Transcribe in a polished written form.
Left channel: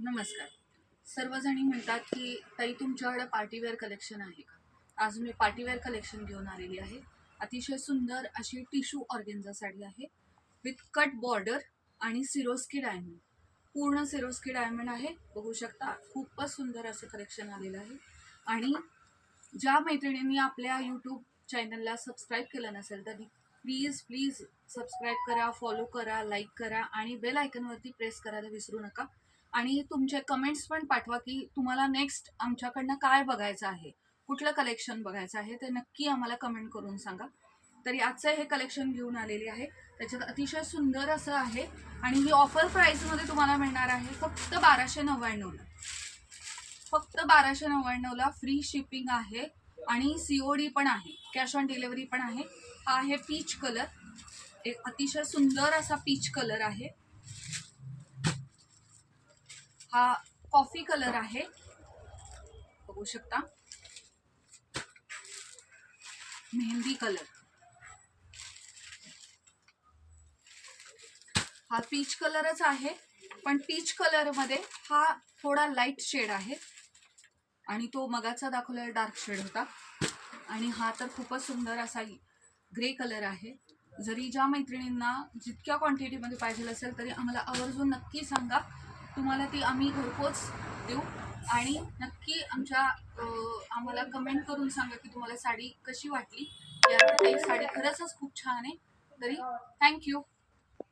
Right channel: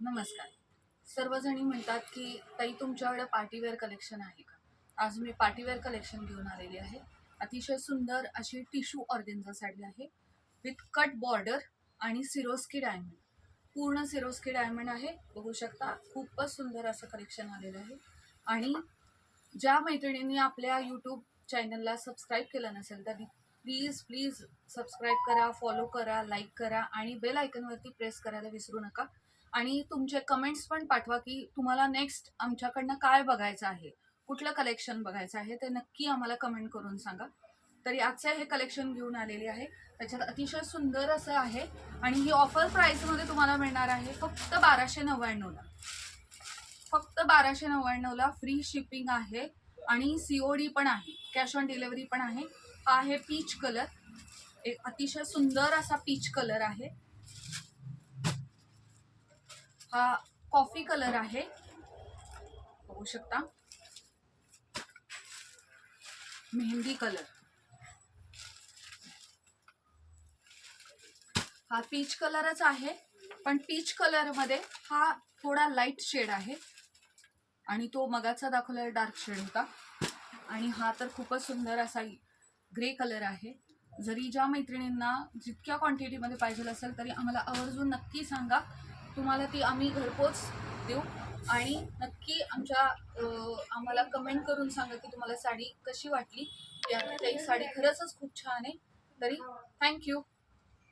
नमस्कार. सर्वजणी म्हणतात की ताई तुमच्याकडे पार्टीवेअर कलेक्शन आहे का? आज मी पार्टीवेअर कलेक्शन घेऊन आलेली आहे. अतिशय सुंदर अशी टिश्यू ऑर्गेन्झा साडी आहे विथ कट बॉर्डर आणि सिरोस्की डायमंड. पूर्ण सिरोस्की डायमंड आहे. बघू शकता खूपच सुंदर असं कलेक्शन आलेलं आहे. आणि ज्या मैत्रिणींनी आपल्या यूट्यूब चॅनलला सबस्क्राईब केलं नसेल तर प्लीज प्लीज सबस्क्राईब करा, फॉलो करा, लाईक करा आणि बेल आयकनवरती प्रेस करायला विसरू नका. आणि तुमचे कमेंट्स पण पाठवा की तुम्हाला नेक्स्ट आमच्याकडनं काय बघायचं आहे, कुठलं कलेक्शन बघायचं आहे ते नक्की आम्हाला कमेंट करून सांगा. तरी आजचं हे कलेक्शन घेऊन आलेली आहे. त्याच्यात अतिशय सुंदर असं आहे आणि ही ऑफर प्राईसमध्ये तुम्हाला मिळणार आहे फक्त 1299ला. फक्त 1299ला फ्री शिपिंग आहे आणि COD पण आहे, कॅश ऑन डिलिव्हरी पण आहे. हा आहे पीच कलर, एक अतिशय सुंदर असा पीच कलर आहे. हा कॉफी कलर आहे, बघू शकता. मेहंदी कलर, हा पीच कलरच आहे पण पीच कलर मध्ये हा थोडा लाईट शेड आहे आणि तो मगाचा दाखवलेला डार्क शेड होता. आणि हा तर खूपच सुंदर असा ग्रे कलर आहे. जरी ज्या मैत्रिणींना जितक्या क्वांटिटीमध्ये पाहिजे असेल तरी आम्हाला आवर्जून नक्की सांगा, तुम्हाला ती आम्ही घरपोच देऊ. आणि नक्की आम्हाला कमेंट करून सांगा की तुम्हाला साडी कशी वाटली. यात काही साडी खरंच खूप छान आहे. तरी थँक्यू.